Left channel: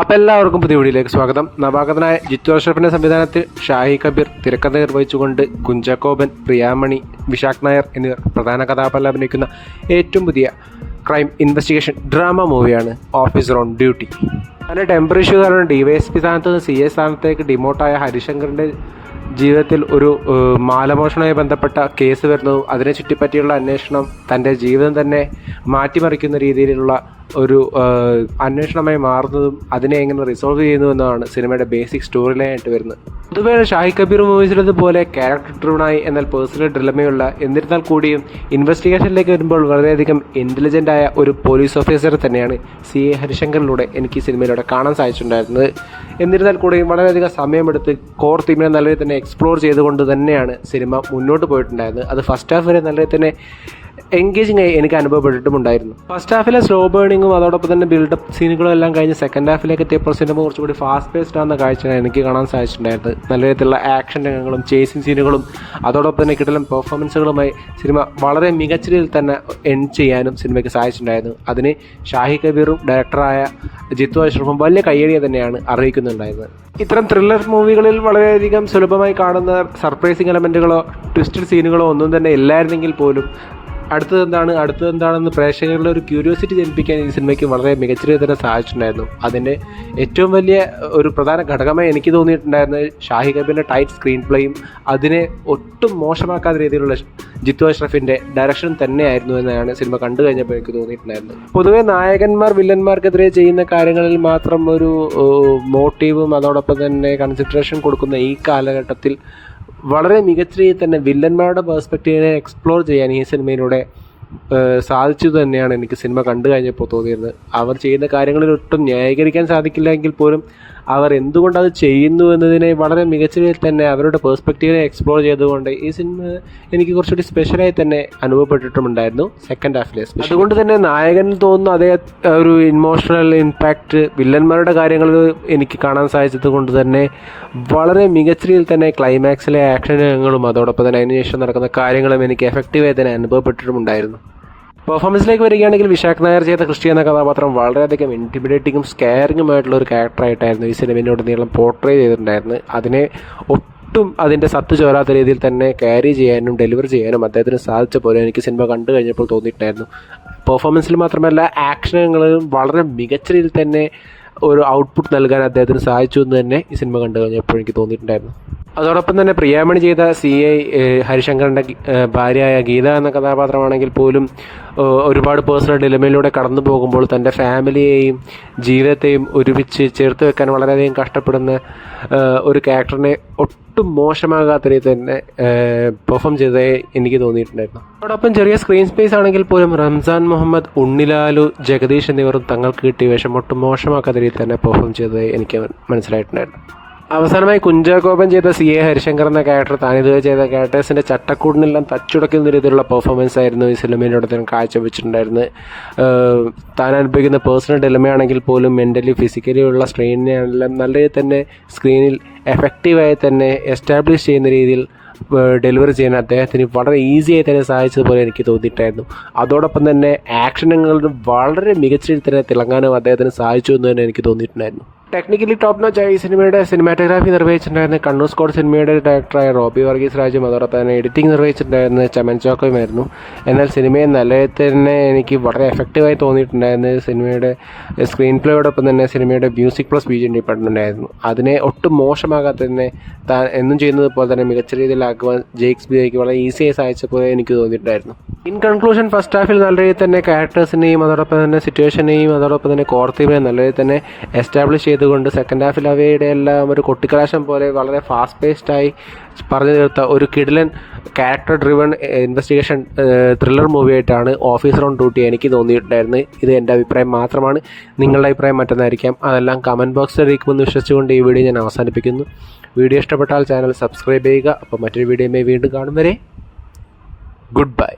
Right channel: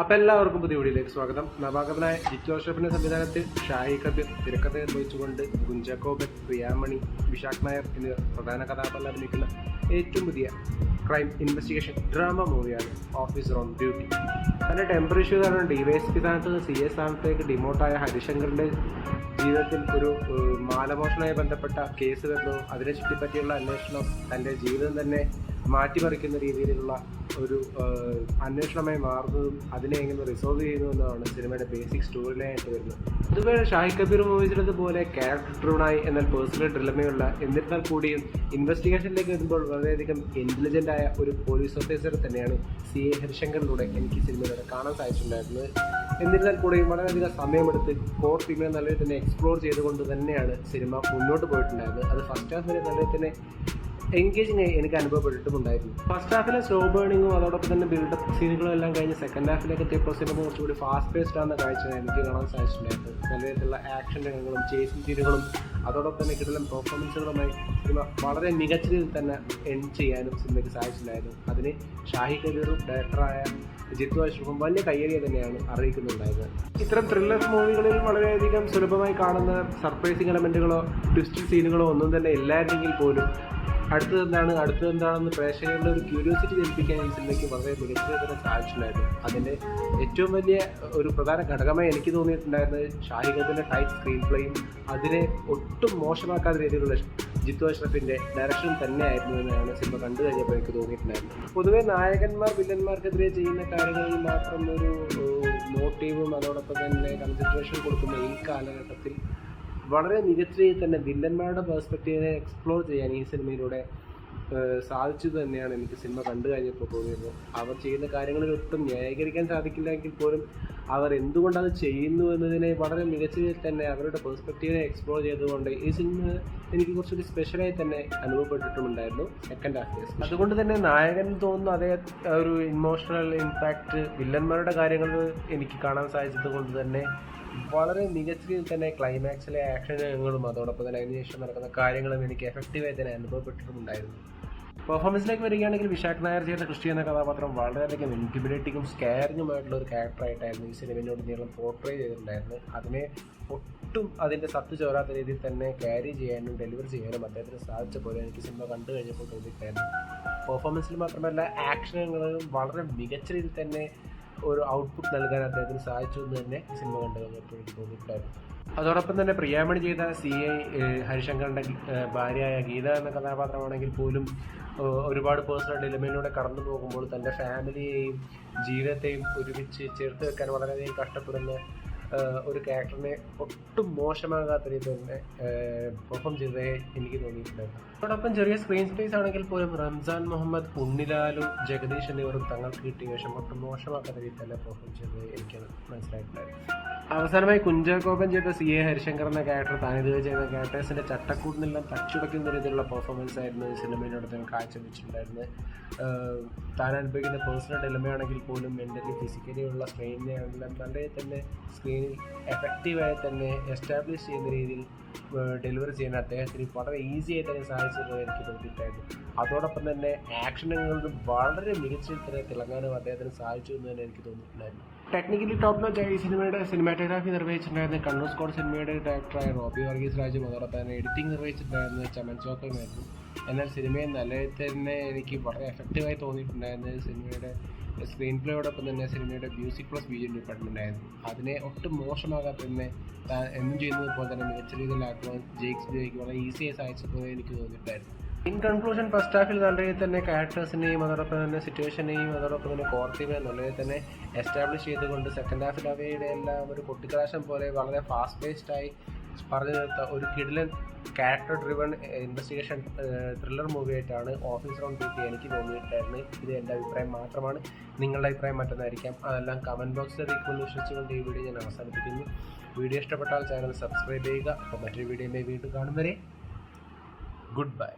അപ്പോൾ എല്ലാവർക്കും പുതിയ വീഡിയോയിലേക്ക് സ്വാഗതം. നവാഗതനായ ജിത്തു അഷ്റഫിൻ്റെ സംവിധാനത്തിൽ ഷാഹി കബീർ തിരക്കഥ നിർവഹിച്ചുകൊണ്ട് കുഞ്ചാക്കോബൻ, പ്രിയാമണി, വിശാഖ് നായർ എന്നിവർ പ്രധാന കഥാപാത്രം അഭിനയിക്കുന്ന ഏറ്റവും പുതിയ ക്രൈം ഇൻവെസ്റ്റിഗേഷൻ ഡ്രാമ മൂവിയാണ് ഓഫീസർ ഓൺ ഡ്യൂട്ടി. അതിൻ്റെ ടെമ്പററി ഇഷ്യൂ കാരണം DYSP സ്ഥാനത്ത് നിന്ന് CA സ്ഥാനത്തേക്ക് ഡിമോട്ടായ ഹരിശങ്കറിൻ്റെ ജീവിതത്തിൽ ഒരു മാലമോഷണവുമായി ബന്ധപ്പെട്ട കേസ് വരുന്നതും അതിനെ ചുറ്റിപ്പറ്റിയുള്ള അന്വേഷണം തൻ്റെ ജീവിതം തന്നെ മാറ്റിമറിക്കുന്ന രീതിയിലുള്ള ഒരു അന്വേഷണമായി മാറുന്നതും അതിനെ എങ്ങനെ റിസോൾവ് ചെയ്യുന്നുവെന്നതാണ് സിനിമയുടെ ബേസിക് സ്റ്റോറി ലൈൻ ആയിട്ട് വരുന്നത്. പൊതുവേ ഷാഹി കബീർ മൂവീസിലതുപോലെ ക്യാരക്ടർ ഡ്രിവണായി എന്നാൽ പേഴ്സണൽ ഡ്രിലമയുള്ള എന്നിരുന്നാൽ കൂടിയും ഇൻവെസ്റ്റിഗേഷനിലേക്ക് വരുമ്പോൾ വളരെയധികം ഇൻ്റലിജൻ്റ് ആയ ഒരു പോലീസ് ഓഫീസർ തന്നെയാണ് CA ഹരിശങ്കറിലൂടെ എനിക്ക് ഈ സിനിമയിലൂടെ കാണാൻ സാധിച്ചിട്ടുണ്ടായിരുന്നത്. എന്നിരുന്നാൽ കൂടിയും വളരെയധികം സമയമെടുത്ത് കോർ തീമിനെ നല്ല രീതിയിൽ തന്നെ എക്സ്പ്ലോർ ചെയ്തുകൊണ്ട് തന്നെയാണ് സിനിമ മുന്നോട്ട് പോയിട്ടുണ്ടായിരുന്നത്. അത് ഫസ്റ്റ് ഹാഫ് വരെ നല്ല രീതിയിൽ തന്നെ എൻഗേജിങ് ആയി എനിക്ക് അനുഭവപ്പെട്ടിട്ടുമുണ്ടായിരുന്നു. ഫസ്റ്റ് ഹാഫിലെ സ്ലോ ബേണിങ്ങും അതോടൊപ്പം തന്നെ ബിൽഡപ്പ് സീനുകളും എല്ലാം കഴിഞ്ഞ് സെക്കൻഡ് ഹാഫിലേക്ക് എത്തിയപ്പോൾ സിനിമ കുറച്ചുകൂടി ഫാസ്റ്റ് പേസ്ഡ് ആകുന്ന കാഴ്ചയാണ് എനിക്ക് കാണാൻ സാധിച്ചിട്ടുണ്ടായിരുന്നത്. നല്ല രീതിയിലുള്ള ആക്ഷൻ രംഗങ്ങളും ചേസിങ് സീനുകളും അതോടൊപ്പം തന്നെ കിട്ടലും പെർഫോമൻസുകളുമായി സിനിമ വളരെ മികച്ച രീതിയിൽ തന്നെ എൻഡ് ചെയ്യാനും സിനിമയ്ക്ക് സാധിച്ചിട്ടുണ്ടായിരുന്നു. അതിന് ഷാഹി കബീറും ഡയറക്ടറായ ജിത്തു അഷ്റഫും വലിയ കയ്യടിയെ തന്നെയാണ് അറിയിക്കുന്നുണ്ടായിരുന്നത്. ഇത്തരം ത്രില്ലർ മൂവികളിൽ വളരെയധികം സുലഭമായി കാണുന്ന സർപ്രൈസിങ് എലമെൻറ്റുകളോ ട്വിസ്റ്റഡ് സീനുകളോ ഒന്നും തന്നെ ഇല്ലായിരുന്നെങ്കിൽ പോലും അടുത്തതെന്താണെന്ന് പ്രേക്ഷകരുടെ ഒരു ക്യൂരിയോസിറ്റി ജനിപ്പിക്കാൻ ഈ സിനിമയ്ക്ക് വളരെ മികച്ച രീതിയിൽ തന്നെ സാധിച്ചിട്ടുണ്ടായിരുന്നു. അതിൻ്റെ ഏറ്റവും വലിയ ഒരു പ്രധാന ഘടകമായി എനിക്ക് തോന്നിയിട്ടുണ്ടായിരുന്നത് ഷാഹി കബീറിൻ്റെ ടൈറ്റ് സ്ക്രീൻ പ്ലേയും അതിനെ ഒട്ടും മോശമാക്കാത്ത രീതിയിലുള്ള ജിത്തു അഷ്റഫിൻ്റെ ഡയറക്ഷൻ തന്നെയായിരുന്നു എന്നാണ് സിനിമ കണ്ടു കഴിഞ്ഞപ്പോൾ എനിക്ക് തോന്നിയിട്ടുണ്ടായിരുന്നത്. പൊതുവേ നായകന്മാർ വില്ലന്മാർക്കെതിരെ ചെയ്യുന്ന കാര്യങ്ങളിൽ മാത്രം ഒരു മോട്ടീവും അതോടൊപ്പം തന്നെ കൺസിഡറേഷൻ കൊടുക്കുന്ന ഈ കാലഘട്ടത്തിൽ വളരെ മികച്ച രീതിയിൽ തന്നെ വില്ലന്മാരുടെ പെർസ്പെക്റ്റീവിനെ എക്സ്പ്ലോർ ചെയ്യാൻ ഈ സിനിമയിലൂടെ സാധിച്ചു തന്നെയാണ് എനിക്ക് സിനിമ കണ്ടു കഴിഞ്ഞപ്പോൾ തോന്നിയിരുന്നത്. അവർ ചെയ്യുന്ന കാര്യങ്ങളിൽ ഒട്ടും ന്യായീകരിക്കാൻ സാധിക്കില്ല എങ്കിൽ പോലും അവർ എന്തുകൊണ്ട് അത് ചെയ്യുന്നു എന്നതിനെ വളരെ മികച്ച രീതിയിൽ തന്നെ അവരുടെ പെർസ്പെക്റ്റീവിനെ എക്സ്പ്ലോർ ചെയ്തുകൊണ്ട് ഈ സിനിമ എനിക്ക് കുറച്ചുകൂടി സ്പെഷ്യലായി തന്നെ അനുഭവപ്പെട്ടിട്ടുമുണ്ടായിരുന്നു സെക്കൻഡ് ഹാഫിലെ. അതുകൊണ്ട് തന്നെ നായകന് തോന്നുന്നു അതേ ഒരു ഇമോഷണൽ ഇമ്പാക്റ്റ് വില്ലന്മാരുടെ കാര്യങ്ങളിൽ എനിക്ക് കാണാൻ സാധിച്ചത് കൊണ്ട് തന്നെ വളരെ മികച്ച രീതിയിൽ തന്നെ ക്ലൈമാക്സിലെ ആക്ഷൻ രംഗങ്ങളും അതോടൊപ്പം തന്നെ അതിനുശേഷം നടക്കുന്ന കാര്യങ്ങളും എനിക്ക് എഫക്റ്റീവായി തന്നെ അനുഭവപ്പെട്ടിട്ടുമുണ്ടായിരുന്നു. പെർഫോമൻസിലേക്ക് വരികയാണെങ്കിൽ വിശാഖ് നായർ ചെയ്ത ക്രിസ്റ്റി എന്ന കഥാപാത്രം വളരെയധികം ഇൻറ്റിമിഡേറ്റിങ്ങും സ്കെയറിങ്ങുമായിട്ടുള്ള ഒരു ക്യാരക്ടറായിട്ടായിരുന്നു ഈ സിനിമയിലുടനീളം പോർട്രേ ചെയ്തിട്ടുണ്ടായിരുന്നത്. അതിനെ ഒട്ടും അതിൻ്റെ സത്ത് ചോരാത്ത രീതിയിൽ തന്നെ ക്യാരി ചെയ്യാനും ഡെലിവർ ചെയ്യാനും അദ്ദേഹത്തിന് സാധിച്ച പോലെ എനിക്ക് സിനിമ കണ്ടു കഴിഞ്ഞപ്പോൾ തോന്നിയിട്ടുണ്ടായിരുന്നു. പെർഫോമൻസിൽ മാത്രമല്ല ആക്ഷനുകളിലും വളരെ മികച്ച രീതിയിൽ തന്നെ ഒരു ഔട്ട്പുട്ട് നൽകാൻ അദ്ദേഹത്തിന് സാധിച്ചു എന്ന് തന്നെ ഈ സിനിമ കണ്ടു കഴിഞ്ഞപ്പോൾ എനിക്ക് തോന്നിയിട്ടുണ്ടായിരുന്നു. അതോടൊപ്പം തന്നെ പ്രിയാമണി ചെയ്ത CA ഹരിശങ്കറിൻ്റെ ഭാര്യയായ ഗീത എന്ന കഥാപാത്രമാണെങ്കിൽ പോലും ഒരുപാട് പേഴ്സണൽ ഡിലമയിലൂടെ കടന്നു പോകുമ്പോൾ തൻ്റെ ഫാമിലിയെയും ജീവിതത്തെയും ഒരുമിച്ച് ചേർത്ത് വെക്കാൻ വളരെയധികം കഷ്ടപ്പെടുന്ന ഒരു ക്യാരക്ടറിനെ ഒട്ടും മോശമാകാത്ത രീതിയിൽ തന്നെ പെർഫോം ചെയ്തേ എനിക്ക് തോന്നിയിട്ടുണ്ടായിരുന്നു. അതോടൊപ്പം ചെറിയ സ്ക്രീൻ സ്പേസ് ആണെങ്കിൽ പോലും റംസാൻ മുഹമ്മദ്, ഉണ്ണിലാലു, ജഗദീഷ് എന്നിവരും തങ്ങൾക്ക് കിട്ടിയ വേഷം ഒട്ടും മോശമാക്കാത്ത രീതിയിൽ തന്നെ പെർഫോം ചെയ്തത് എനിക്ക് മനസ്സിലായിട്ടുണ്ടായിരുന്നു. അവസാനമായി കുഞ്ചാക്കോബൻ ചെയ്ത CA ഹരിശങ്കർ എന്ന ക്യാരക്ടർ താനിതുവരെ ചെയ്ത ക്യാരക്ടേഴ്സിൻ്റെ ചട്ടക്കൂടിനെല്ലാം തച്ചുടക്കുന്ന രീതിയിലുള്ള പെർഫോമൻസ് ആയിരുന്നു ഈ സിനിമയിലൂടെ തന്നെ കാഴ്ചവെച്ചിട്ടുണ്ടായിരുന്നത്. താൻ അനുഭവിക്കുന്ന പേഴ്സണൽ ഡെലമയാണെങ്കിൽ പോലും മെൻ്റലി ഫിസിക്കലി ഉള്ള സ്ട്രെയിനെല്ലാം നല്ല രീതിയിൽ തന്നെ സ്ക്രീനിൽ എഫക്റ്റീവായി തന്നെ എസ്റ്റാബ്ലിഷ് ചെയ്യുന്ന രീതിയിൽ ഡെലിവറി ചെയ്യാൻ അദ്ദേഹത്തിന് വളരെ ഈസിയായി തന്നെ സാധിച്ചതുപോലെ എനിക്ക് തോന്നിയിട്ടായിരുന്നു. അതോടൊപ്പം തന്നെ ആക്ഷനുകളിലും വളരെ മികച്ച രീതിയിൽ തന്നെ തിളങ്ങാനും അദ്ദേഹത്തിന് സാധിച്ചു എന്ന് തന്നെ എനിക്ക് തോന്നിയിട്ടുണ്ടായിരുന്നു. ടെക്നിക്കലി ടോപ്പ് നോച്ച് ഈ സിനിമയുടെ സിനിമാറ്റോഗ്രാഫി നിർവഹിച്ചിട്ടുണ്ടായിരുന്ന കണ്ണൂർ സ്ക്വാഡ് സിനിമയുടെ ഡയറക്ടറായ റോബി വർഗീസ് രാജും അതോടൊപ്പം തന്നെ എഡിറ്റിംഗ് നിർവഹിച്ചിട്ടുണ്ടായിരുന്ന ചമൻ ചോക്കോയുമായിരുന്നു. എന്നാൽ സിനിമയെ നല്ല തന്നെ എനിക്ക് വളരെ എഫക്റ്റീവായി തോന്നിയിട്ടുണ്ടായിരുന്നത് സിനിമയുടെ സ്ക്രീൻ പ്ലേയോടൊപ്പം തന്നെ സിനിമയുടെ മ്യൂസിക് പ്ലസ് BGM ഡിപ്പാർട്ട്മെൻ്റ് ആയിരുന്നു. അതിനെ ഒട്ടും മോശമാകാതെ തന്നെ താൻ എന്നും ചെയ്യുന്നത് പോലെ തന്നെ മികച്ച രീതിയിലാക്കുവാൻ JXBക്ക് വളരെ ഈസിയായി സാധിച്ച പോലെ എനിക്ക് തോന്നിയിട്ടുണ്ടായിരുന്നു. ഇൻ കൺക്ലൂഷൻ ഫസ്റ്റ് ഹാഫിൽ നല്ല രീതിയിൽ തന്നെ ക്യാരക്ടേഴ്സിനെയും അതോടൊപ്പം തന്നെ സിറ്റുവേഷനെയും അതോടൊപ്പം തന്നെ കോർത്തീമിനെയും നല്ല രീതിയിൽ തന്നെ എസ്റ്റാബ്ലിഷ് ചെയ്തുകൊണ്ട് സെക്കൻഡ് ഹാഫിൽ അവയുടെ എല്ലാം ഒരു കൊട്ടിക്കലാശം പോലെ വളരെ ഫാസ്റ്റ് പേസ്ഡായി പറഞ്ഞു തീർത്ത ഒരു കിടിലൻ ക്യാരക്ടർ ഡ്രിവൺ ഇൻവെസ്റ്റിഗേഷൻ ത്രില്ലർ മൂവിയായിട്ടാണ് ഓഫീസർ ഓൺ ഡ്യൂട്ടി എനിക്ക് തോന്നിയിട്ടുണ്ടായിരുന്നത്. ഇത് എൻ്റെ അഭിപ്രായം മാത്രമാണ്. നിങ്ങളുടെ അഭിപ്രായം മറ്റൊന്നായിരിക്കാം. അതെല്ലാം കമൻറ്റ് ബോക്സിൽ അറിയിക്കുമെന്ന് വിശ്വസിച്ചുകൊണ്ട് ഈ വീഡിയോ ഞാൻ അവസാനിപ്പിക്കുന്നു. വീഡിയോ ഇഷ്ടപ്പെട്ടാൽ ചാനൽ സബ്സ്ക്രൈബ് ചെയ്യുക. അപ്പോൾ മറ്റൊരു വീഡിയോയുമായി വീണ്ടും കാണും വരെ ഗുഡ് ബൈ.